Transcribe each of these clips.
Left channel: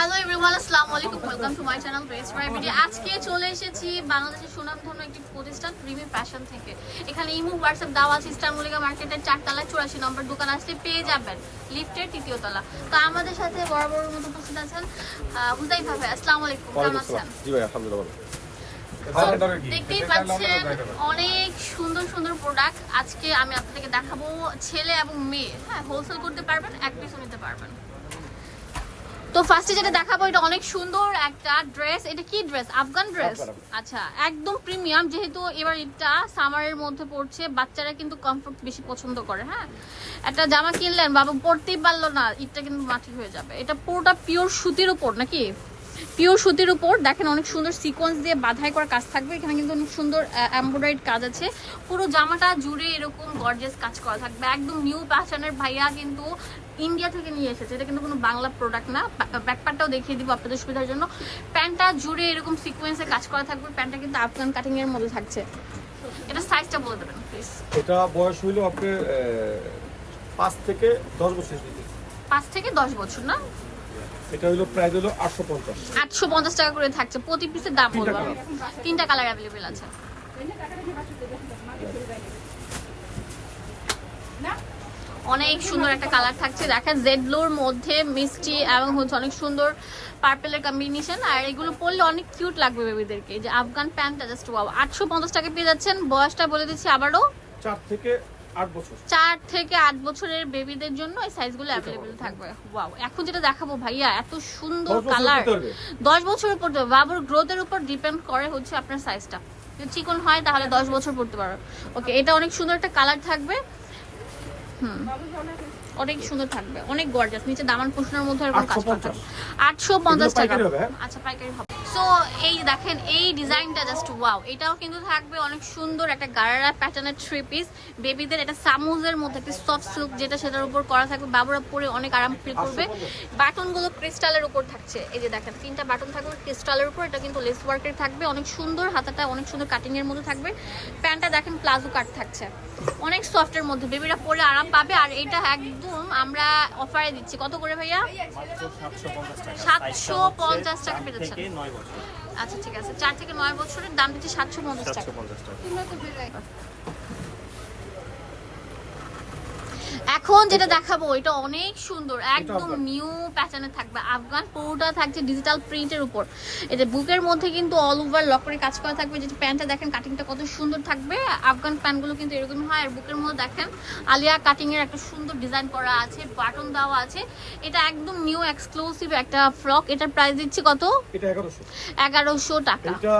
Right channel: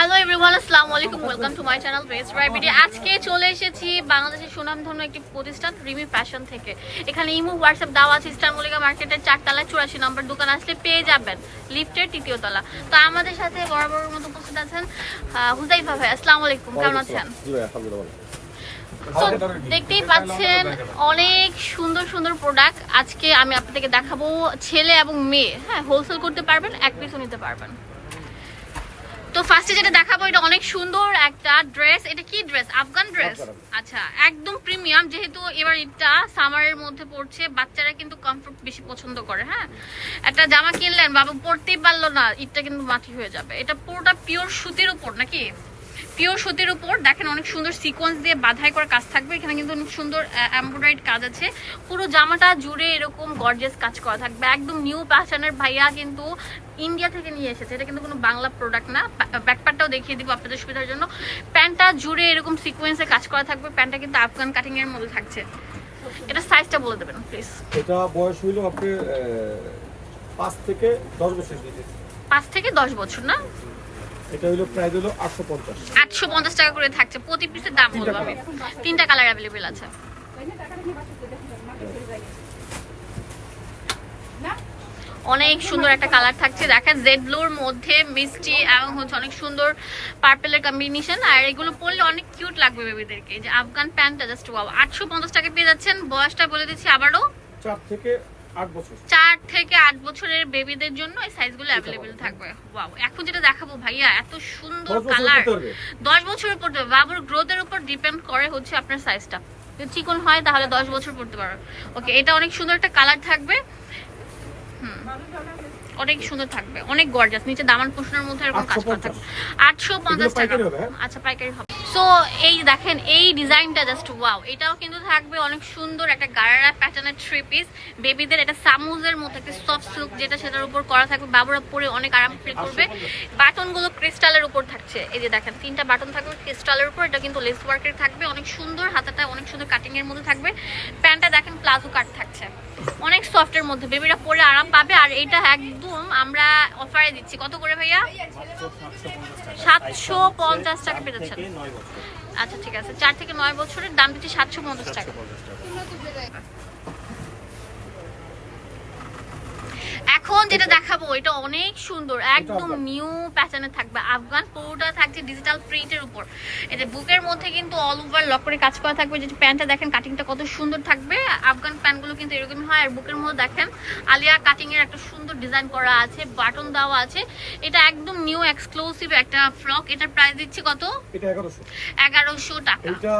Hello everyone আসসালামু আলাইকুম welcome to my channel best রাইবিডি আজকে চলে এসেছি বাংলাদেশের সুনামধন্য একটি প্রতিষ্ঠান রিমি ফ্যাশন থেকে। এখানে ইমো হোয়াটসঅ্যাপ দেওয়া আছে ইস্টার মল্লিকা মার্কেটের চারতলা চুরাশি নম্বর দোকান আসলে পেয়ে যাবেন লিফটের তৃতীয় তলা। তো আমাদের সাথে বরাবর মতো উপস্থিত আছেন হুজাইফা ভাই আসসালামু আলাইকুম কেমন আছেন? জি ভাই আলহামদুলিল্লাহ দেখতেই পাচ্ছেন অনেক সুন্দর সুন্দর প্রোডাক্ট আজকে আমি আপনাদেরকে দেখাবো ছেলে এবং মেয়ে। হ্যাঁ হোলসেল করতে পারবেন এক পিসও নিতে পারবেন। তো ফার্স্টে যেটা দেখাবো এটা অনেক সুন্দর একটা ড্রেস এটা কি ড্রেস আফগান ড্রেস আচ্ছা একদম প্রিমিয়াম যেহেতু এবার এটা সামারের মধ্যে পড়ছে বাচ্চারা কিন্তু কমফোর্ট বেশি পছন্দ করে হ্যাঁ? একটা জামা কিনলেন বাবা পরতেই পারল না ঈদটা কিন্তু মাটি হয়ে যাবে। এটা পুরোটা পিওর সুতির উপর নাকি? পিওর সুতির উপর দেখেন অনেক সুন্দর সিকোয়েন্স দিয়ে বাধাই করা কাজ থাকবে। এখানে কিন্তু অনেক সুন্দর এমব্রয়ডারিড কাজ আছে। পুরো জামাটা জুড়ে এরকম গর্জিয়াস কাজ করা থাকবে। একদম নিউ প্যাশনের ভাইয়া কিন্তু ইন্ডিয়া থেকে নিয়ে এসেছে। এটা কিন্তু কোনো বাংলা প্রোডাক্ট না। ব্যাকপারটাও দেখিয়ে দিব আপনাদের সুবিধার জন্য। প্যান্টটা জুড়ে এরকম সিকোয়েন্সে কাজ করা থাকবে। প্যান্টটা কিন্তু আফগান কাটিং এর মধ্যে থাকছে। এটা সাইজটা বলে দেবেন প্লিজ এটা বয়স হইল আপনি পাঁচ থেকে দশ বছর। পাঁচ থেকে দশ বছর না? এটা হইল প্রাইস হইল আটশো পঞ্চাশ। টাকা করে থাকছে। প্রতি পিসের দাম বলব আমি। তিনটা কালার অ্যাভেলেবেল আছে। অনেক সুন্দর একটা কালার থাকছে। দেখেন জেড ব্লুর মধ্যে মিষ্টি এবং হচ্ছে অনেক সুন্দর পার্পেলের কম্বিনেশন আর এগুলো পরলে অনেক কিউট লাগবে বেবিদেরকে যে আফগান প্যান্টটা জাস্ট ওয়াও আটশো পঞ্চাশ টাকা পেয়ে যাচ্ছেন। বয়সটা বলে দিচ্ছি আবারও। চার থেকে চার থেকে আট বছরের বেবিদের জন্য এই সাইজগুলো অ্যাভেলেবেল থাকবে। ওয়াও এখন যেটা দেখাবো ভাইয়া এত সুন্দর কালার। দশ দেবে বাবুর গ্রোথের উপর ডিপেন্ড করে হচ্ছে আপনার সাইজটা যদি চিকন হয় তাহলে দশ বছর পড়তে পারো। ওকে এটা অনেক সুন্দর একটা কালার থাকবে। হুম অনেক সুন্দর থাকবে। অনেক গর্জাস নিচে দামান পোষণের মধ্যে এরকম কাজ করা 850 থাকবে আটশো পঞ্চাশ টাকা। হ্যাঁ? আচ্ছা পাইকারি হবে। সো এই দেখেন এই ডিজাইনটা জাস্ট ওয়াও এটাও কিন্তু থাকবে অনেক সুন্দর একটা গারারা প্যাটার্নের থ্রি পিস বেবিদের এটা সামুজের মধ্যে একটা সফট সিল্ক যেটা সেটার উপর করা থাকবে। বাবুরা পরে অনেক আরাম ফিল করবে। বাটনগুলো ক্রিস্টালের উপর থাকছে। এই যে দেখেন তিনটা বাটন থাকবে ক্রিস্টালের উপর। এটা কিন্তু লেস ওয়ার্কের থাকবে। অনেক সুন্দর হাতাটা অনেক সুন্দর কাটিং এর মধ্যে থাকবে। প্যান্টটা দেখেন প্লাজো কাট থাকছে। অনেক সফটের মধ্যে। বেবিরা পরে আরাম পাবে। আর এটা একদম আমরা অফারে দিচ্ছি। কত করে ভাইয়া? সাতশো পঞ্চাশ টাকা। পেয়ে যাচ্ছেন আচ্ছা ঠিক আছে। চার থেকে নয় বছরের দাম দিচ্ছি সাতশো পঞ্চাশ টাকা। এখন যেটা দেখাবো এটা অনেক সুন্দর একদম নিউ প্যাটার্নে থাকবে। আফগান পুরোটা থাকছে ডিজিটাল প্রিন্টের উপর। এই যে বুকের মধ্যে কিন্তু অল ওভার লক করে কাজ করা থাকবে। যেটা প্যান্টটা দেখেন কাটিংটা কত সুন্দর থাকবে। আফগান প্যান্টগুলো কিন্তু এরকমই হয়। আর বুকের মধ্যে দেখেন আলিয়া কাটিং এর একটা সুন্দর ডিজাইন করা আছে বাটন দেওয়া আছে। এটা একদম নিউ এক্সক্লুসিভ একটা ফ্রক এটার প্রাইস দিচ্ছি কত? এটা এগারোশো। এগারোশো টাকা। এটা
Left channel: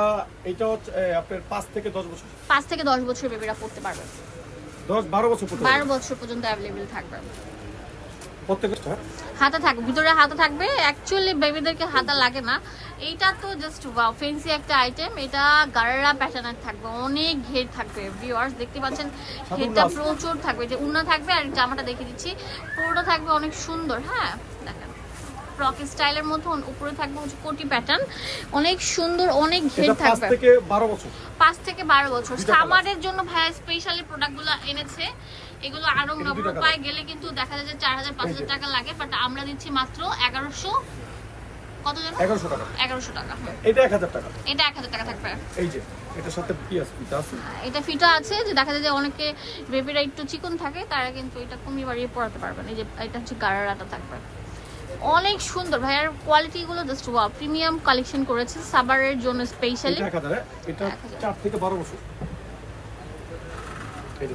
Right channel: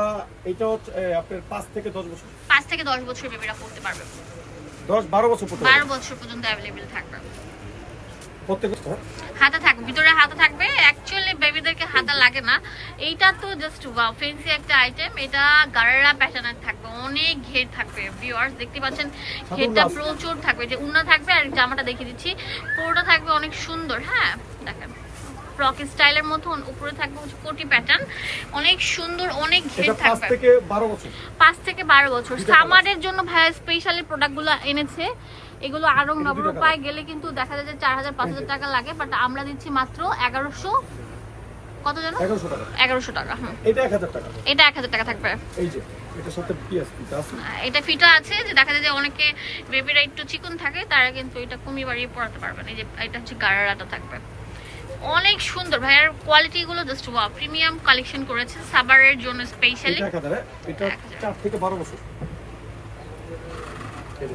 এটা হচ্ছে আপনার পাঁচ থেকে দশ বছর। পাঁচ থেকে দশ বছর বেবিরা পড়তে পারবে। দশ বারো বছর পড়তে বারো পারবে বছর পর্যন্ত অ্যাভেলেবেল থাকবে। প্রত্যেক হ্যাঁ হাতা থাকবে ভিতরে হাতা থাকবে। অ্যাকচুয়ালি বেবিদেরকে হাতা লাগে না। এইটা তো জাস্ট ওয়াও ফেন্সি একটা আইটেম এটা গারারা প্যাটার্নের থাকবে অনেক ঘের থাকবে ভিউয়ার্স দেখতে পাচ্ছেন। ঘেরটা প্রচুর থাকবে যে উন্না থাকবে আর জামাটা দেখিয়ে দিচ্ছি। পুরোটা থাকবে অনেক সুন্দর হ্যাঁ? দেখেন। ফ্রক স্টাইলের মধ্যে উপরে থাকবে হচ্ছে কোটি প্যাটার্ন অনেক সুন্দর অনেক ঘের এটা পাঁচ থেকে বারো বছর। পাঁচ থেকে বারো বছর। সামারের জন্য ভাইয়া স্পেশালি প্রোডাক্টগুলো এনেছে। এগুলো আরও এটা নবরূপায় গেলে কিন্তু দেখা যায় যে চার হাজার পাঁচ হাজার এই যে। টাকা লাগে বাট আমরা দিচ্ছি মাত্র এগারোশো। কত যেন? এগারোশো টাকা। এগারোশো টাকা হুম। এটা এক হাজার টাকা। এটা এক হাজার টাকা থাকবে। এই যে এটার সাথে পিঁয়াজ পিঠা আছে? এটা ফিটা আছে যে দেখা যায় যে অনেকে বেবিরা একটু চিকন থাকে তারা কিন্তু এটা কমিয়ে বাড়িয়ে পড়াতে পারবেন এই যে এটা হচ্ছে গারারাটা থাকবে। অনেক সুন্দর। ভাইয়ার কোয়ালিটি গুলো জাস্ট ওয়াও প্রিমিয়াম কালেকশন করেছে সাবারের জন্য স্পেশালি এটা এক হাজার হ্যাঁ? এটা এক হাজার। চার থেকে বারো বছর। এই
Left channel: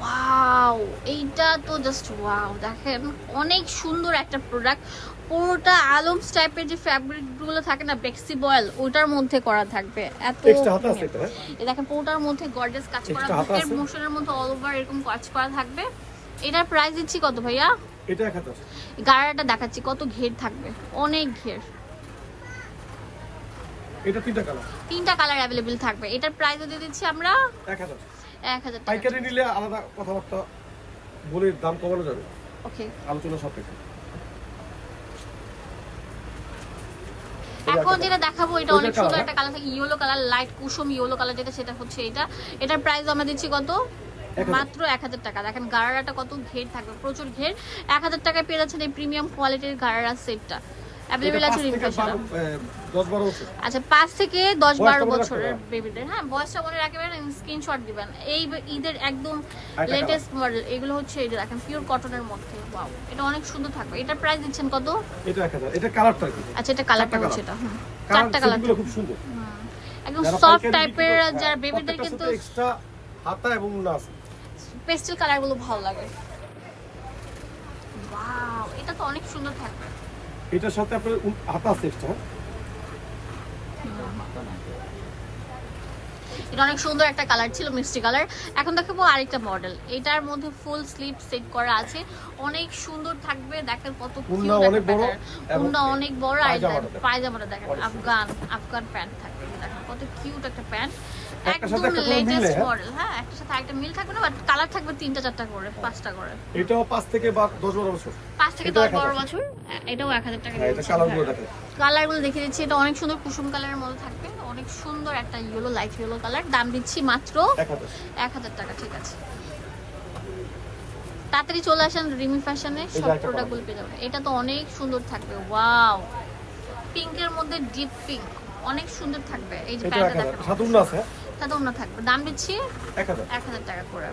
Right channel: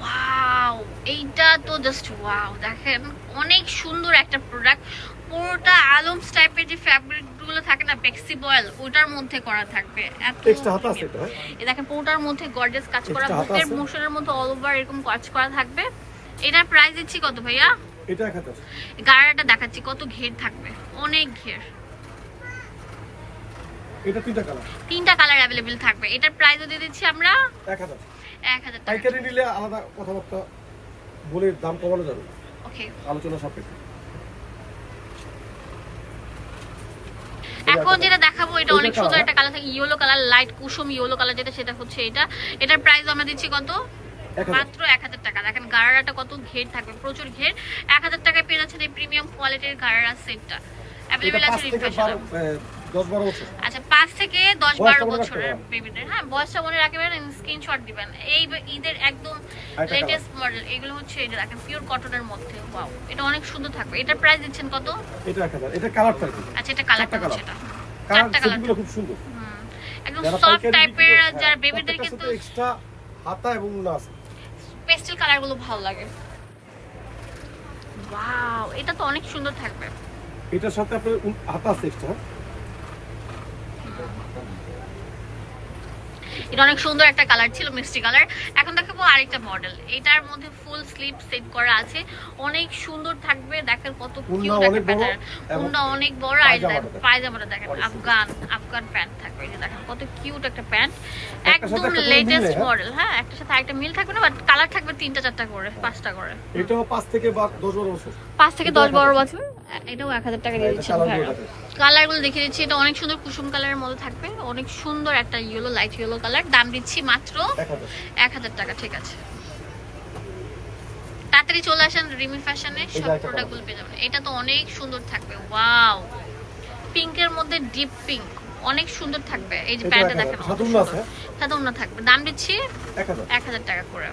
ওয়াও এইটা তো জাস্ট ওয়াও দেখেন অনেক সুন্দর একটা প্রোডাক্ট পুরোটা আলমস টাইপের যে ফ্যাব্রিকগুলো থাকে না বেক্সি বয়েল ওটার মধ্যে করা থাকবে। এত এক্সট্রা হাতা আছে এটা হ্যাঁ? এই দেখেন পুরোটার মধ্যে গর্জিয়াস কাজ করা মোশনের মধ্যে অল ওভার এরকম কাজ করা থাকবে। এটার প্রাইস দিচ্ছি কত ভাইয়া? এটা গাড়াটা দেখাচ্ছি কত ঘের থাকবে। অনেক ঘের। এটা তিনটা কালার তিনটা কালার অ্যাভেলেবেল থাকবে। এটার প্রাইসও দিয়ে দিচ্ছি আমরা এক হাজার এক হাজার টাকা। পাইকারি নিলে আলাদা কথাবার্তা বলে দাম কমানো যাবে। ওকে আলোচনা সাপেক্ষে। এখন যেটা দেখাবো এটা অনেক সুন্দর একটা কালার থাকে। ইয়েলো কালার লাইট কুসুম ইয়েলো কালার যেটা সেটা হচ্ছে এটা। এটার প্রাইস আমরা দিচ্ছি কত। মাত্র এক হাজার টাকা। দেখেন গারারাটা কত ঘের থাকবে প্রচুর ঘের। এক হাজার টাকায় পেয়ে যাচ্ছেন এই প্রিমিয়াম কোয়ালিটির গারারা সেটটা এটা অ্যাভেলেবেল পাঁচ আছে থেকে দশ বারো আচ্ছা পাঁচ থেকে দশ বারো বছরের বেবিদের হ্যাঁ বয়সটা মনে রাখবেন স্ক্রিনশট দিবেন। এই ঈদের একদম লেটেস্ট মডেল এগুলো হচ্ছে এই যে দেখেন পিওর কটনের মধ্যে। ওয়াও এটা অনেক সুন্দর থাকবে। এটার প্রাইস দিচ্ছেন কত? এটা এটা কালারটা কি? আচ্ছা এটা কালারটা হচ্ছে এটা হুম। কালার চারটা খুব সুন্দর। একদম সফট টাইপের হ্যাঁ, যারা বেবিদের কিন্তু এক্সট্রা হাতা এবং উন্না আছে। পেস্টেল কালারগুলো ভালো লাগে। ওয়াও এটা তো অনেক সুন্দর থাকবে। এটার সাথে আপনার হাতা আছে এক্সট্রা এটা অনেক সুন্দর একটা কালার ছিল মিষ্টি কালার। এখন দেখাবো আরেকটা মডেল। এটার মধ্যে ফুল স্লিপ সেট করা আছে। অনেক সুন্দর থাকবে দেখেন কত কিউট অনেক বড় আর পায়জামাটা দেখেন। আফগান আফগান প্যান্ট থাকবে। দেখেন কত কিউট একটা প্যান্ট একদম লেটেস্ট? মডেল হ্যাঁ একটা সাথে একটা মিল থাকবে না বাট কালার থাকবে তিনটা চারটা করে পাঁচটা করে। এটাও পাঁচ থেকে বা দশ বারো বছর। পাঁচ থেকে দশ বারো বছর। এটাও এক হাজার টাকা কালারগুলো। কালারগুলো দেখে দিচ্ছি। এটা অনেক সুন্দর কুসুম কালারের মধ্যে থাকবে। অনেক সুন্দর একটা ইয়েলো লাইট ইয়েলো কালার দাম দিচ্ছি মাত্র এক হাজার টাকা। ঠিক আছে। তাড়াতাড়ি চলে আসেন রিমি ফ্যাশনে সব যে প্রোডাক্টগুলো পেয়ে যাবেন। এটা তো অনেক সুন্দর থাকবে। ওয়াও পিঙ্কের মধ্যে ডিপ পিঙ্ক অনেক সুন্দর থাকবে। এই যে প্যান্টটা দেখেন। সাথে উন্না থাকবে। দাম দিচ্ছি এক হাজার। এক হাজার টাকা করে।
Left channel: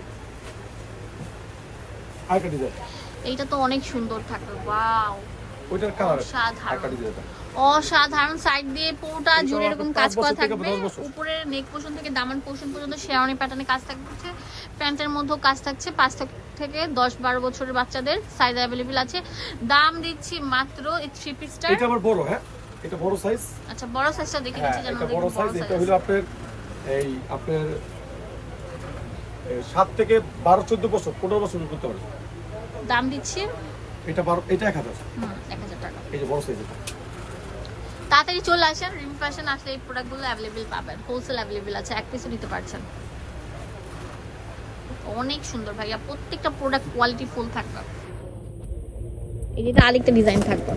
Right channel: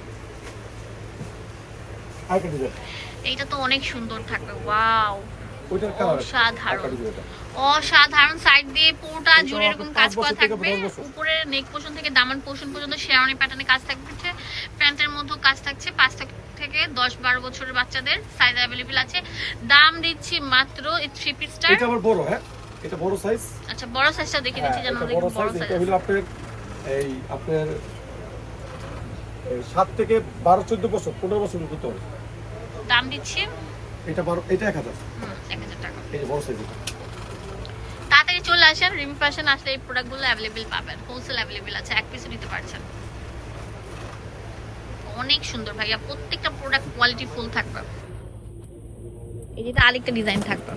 আরেকটা ডিজাইন এইটা তো অনেক সুন্দর থাকবে ওয়াও। ওইটার কালার অসাধারণ। অসাধারণ সাইড দিয়ে পুরোটা জুড়ে এরকম কাজ করা থাকবে। উপরে নেক পোর্শন থেকে দামান পোর্শন পর্যন্ত শেরানি প্যাটার্নে কাজ থাকছে। প্যান্টের মধ্যেও কাজ থাকছে। পাঁচ থেকে- দশ বারো বছরের বাচ্চাদের সাইজ অ্যাভেলেবেল আছে। দাম দিচ্ছি মাত্র এই থ্রি পিসটার এটা আবার বড় হ্যাঁ? এটা বড় সাইজ আচ্ছা বড় সাইজটা দেখে হ্যাঁ দিচ্ছি যেন এটা বড় সাইজ এটা হলো আপনার এই আপনার এই সাত থেকে বারো চোদ্দ বছর পনেরো বছর করতে পারে। দাম দিচ্ছি। এটা বারো এটা এক হাজার। হুম, এক হাজার টাকা। এই যে বড় সাইজ এটা। তাড়াতাড়ি চলে আসেন রিমি ফ্যাশন আসলে এই প্রোডাক্টগুলো অ্যাভেলেবেল পাবেন। হোলসেল অ্যাভেলেবেল আছে এক পিসও নিতে পারছেন। অনেক সুন্দর ভাইয়া প্রত্যেকটা প্রোডাক্ট কোয়ালিটি ফুল থাকবে। এই যেটা আরেকটা ডিজাইন থাকবে।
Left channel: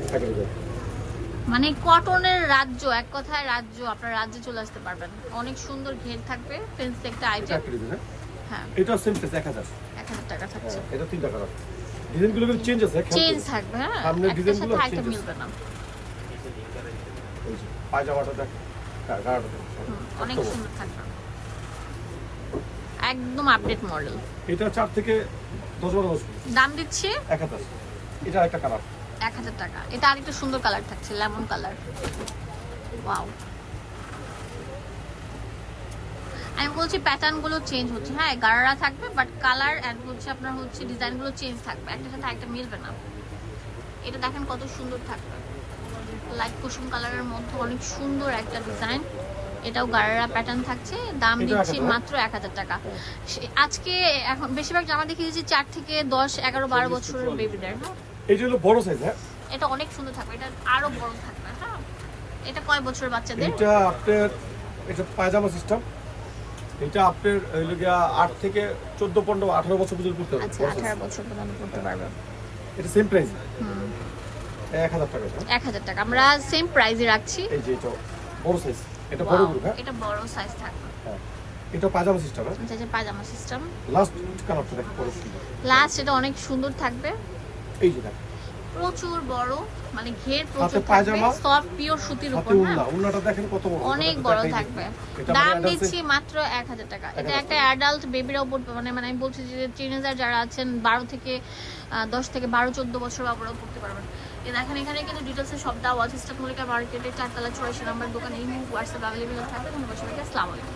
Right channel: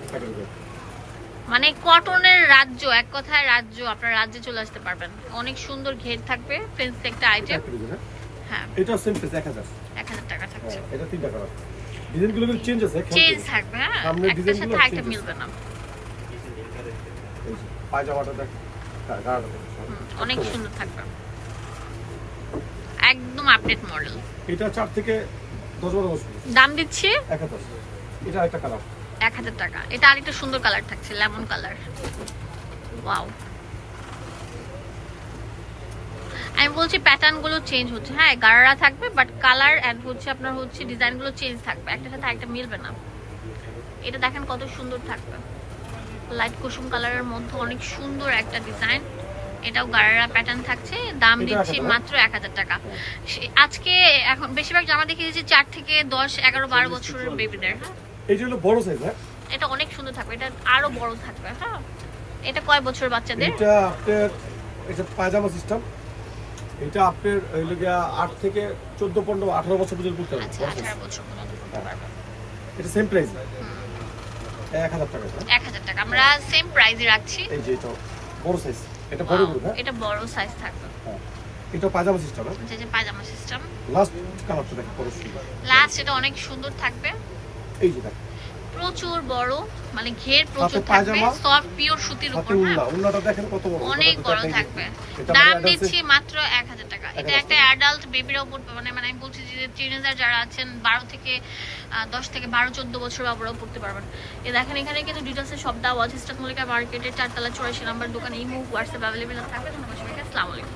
মানে কটনের রাজ্য এক কথায় রাজ্য আপনার রাজ্যে চলে আসতে পারবেন। অনেক সুন্দর ঘের থাকবে ফেন্সি একটা এটা আইটেম হ্যাঁ? হ্যাঁ। এটা সেম প্রাইস এক হাজার। টাকা থাকছে। হ্যাঁ এটা তিনটা কালার ডিজাইনগুলো কিন্তু চেঞ্জ আছে চেঞ্জ থাকবে হ্যাঁ? সামনের একটার design সাথে গুলো আরেকটা change আছে। মিলবে না। পায়জামাটা দেখ গাড়াটা অনেক সুন্দর থাকবে। একদম আপডেট মডেল এটা চার থেকে দশ বারো বছর। দাম দিচ্ছি? এক হাজার এটা একটা কালার এক হাজার টাকা। এটা আরেকটা সুন্দর কালার থাকছে লেমন কালার ওয়াও আমি বলছি প্যাটার্নগুলো চেঞ্জ হচ্ছে। হ্যাঁ গাড়ারা থাকবে বাট কালার অ্যান্ড হচ্ছে আপনার হচ্ছে ডিজাইনগুলো চেঞ্জ থাকবে। একটা সাথে একটা মিলবে না। এটা দেখেন কত সুন্দর থাকবে। লাইট কুসুম কালারের মধ্যে অনেক সুন্দর একটা ডিজাইন এটাও গাড়ারা প্যাটার্ন থাকছে। দাম দিচ্ছি মাত্র এক হাজার টাকা। আজকে এখন বেশিরভাগ জামা দেখে দিচ্ছি চার থেকে দশ এগারো বারো বছরের বেবিদের হ্যাঁ। হলো বড় সাইজ হ্যাঁ? এটা অনেক সুন্দর থাকবে। এটা আরও বড় থাকবে হ্যাঁ। এটা কয় বছর বাচ্চাদের? এটা আপনার এটা পায়জামা সিস্টেম এটা আপনার হইল গিয়া আট থেকে চোদ্দ পনেরো আঠারো বছর পর্যন্ত করতে হবে আচ্ছা করতে পারবে এটা সেম প্রাইস এক হাজার টাকা এক হাজার টাকা। আমরা সেম প্রাইজে রাখছি। এই যে এটা বড় সাইজ এটা বড় গ্রুপ হ্যাঁ? এটা বড় সাইজ থাকবে। হ্যাঁ। এটা পায়জামা সিস্টেম হ্যাঁ? যে পায়জামা সিস্টেম লাস্ট কালারটা দেখো লাস্ট এটা অনেক সুন্দর থাকবে। এই যে দেখো প্রচুর বড় মানে ঘের প্রচুর থাকবে সফট পিওর সুতির উপর হ্যাঁ। উল্লাটা দেখেন কত বড় অনেক বড় থাকবে। এটা দাম মানে দিচ্ছি মাত্র এক হাজার টাকা। এটা একটা অ্যাডাল্ট বেবিরা উপর মানে মানে আমি বলছি যে টিনেজার যারা আছেন বারো থেকে আহ, দশ থেকে বারো চোদ্দ বছর বাবুরাও পড়তে পারবেন। এ দেখেন এখানে কিন্তু ডিটেলসে সব দেওয়া আছে মার্কেটের চারতলা চুরাশি নাম্বার দোকান এই মুভ হোয়াটসঅ্যাপ অ্যাভেলেবেল থাকবে। তোমার সবাইকে আসসালামু আলাইকুম।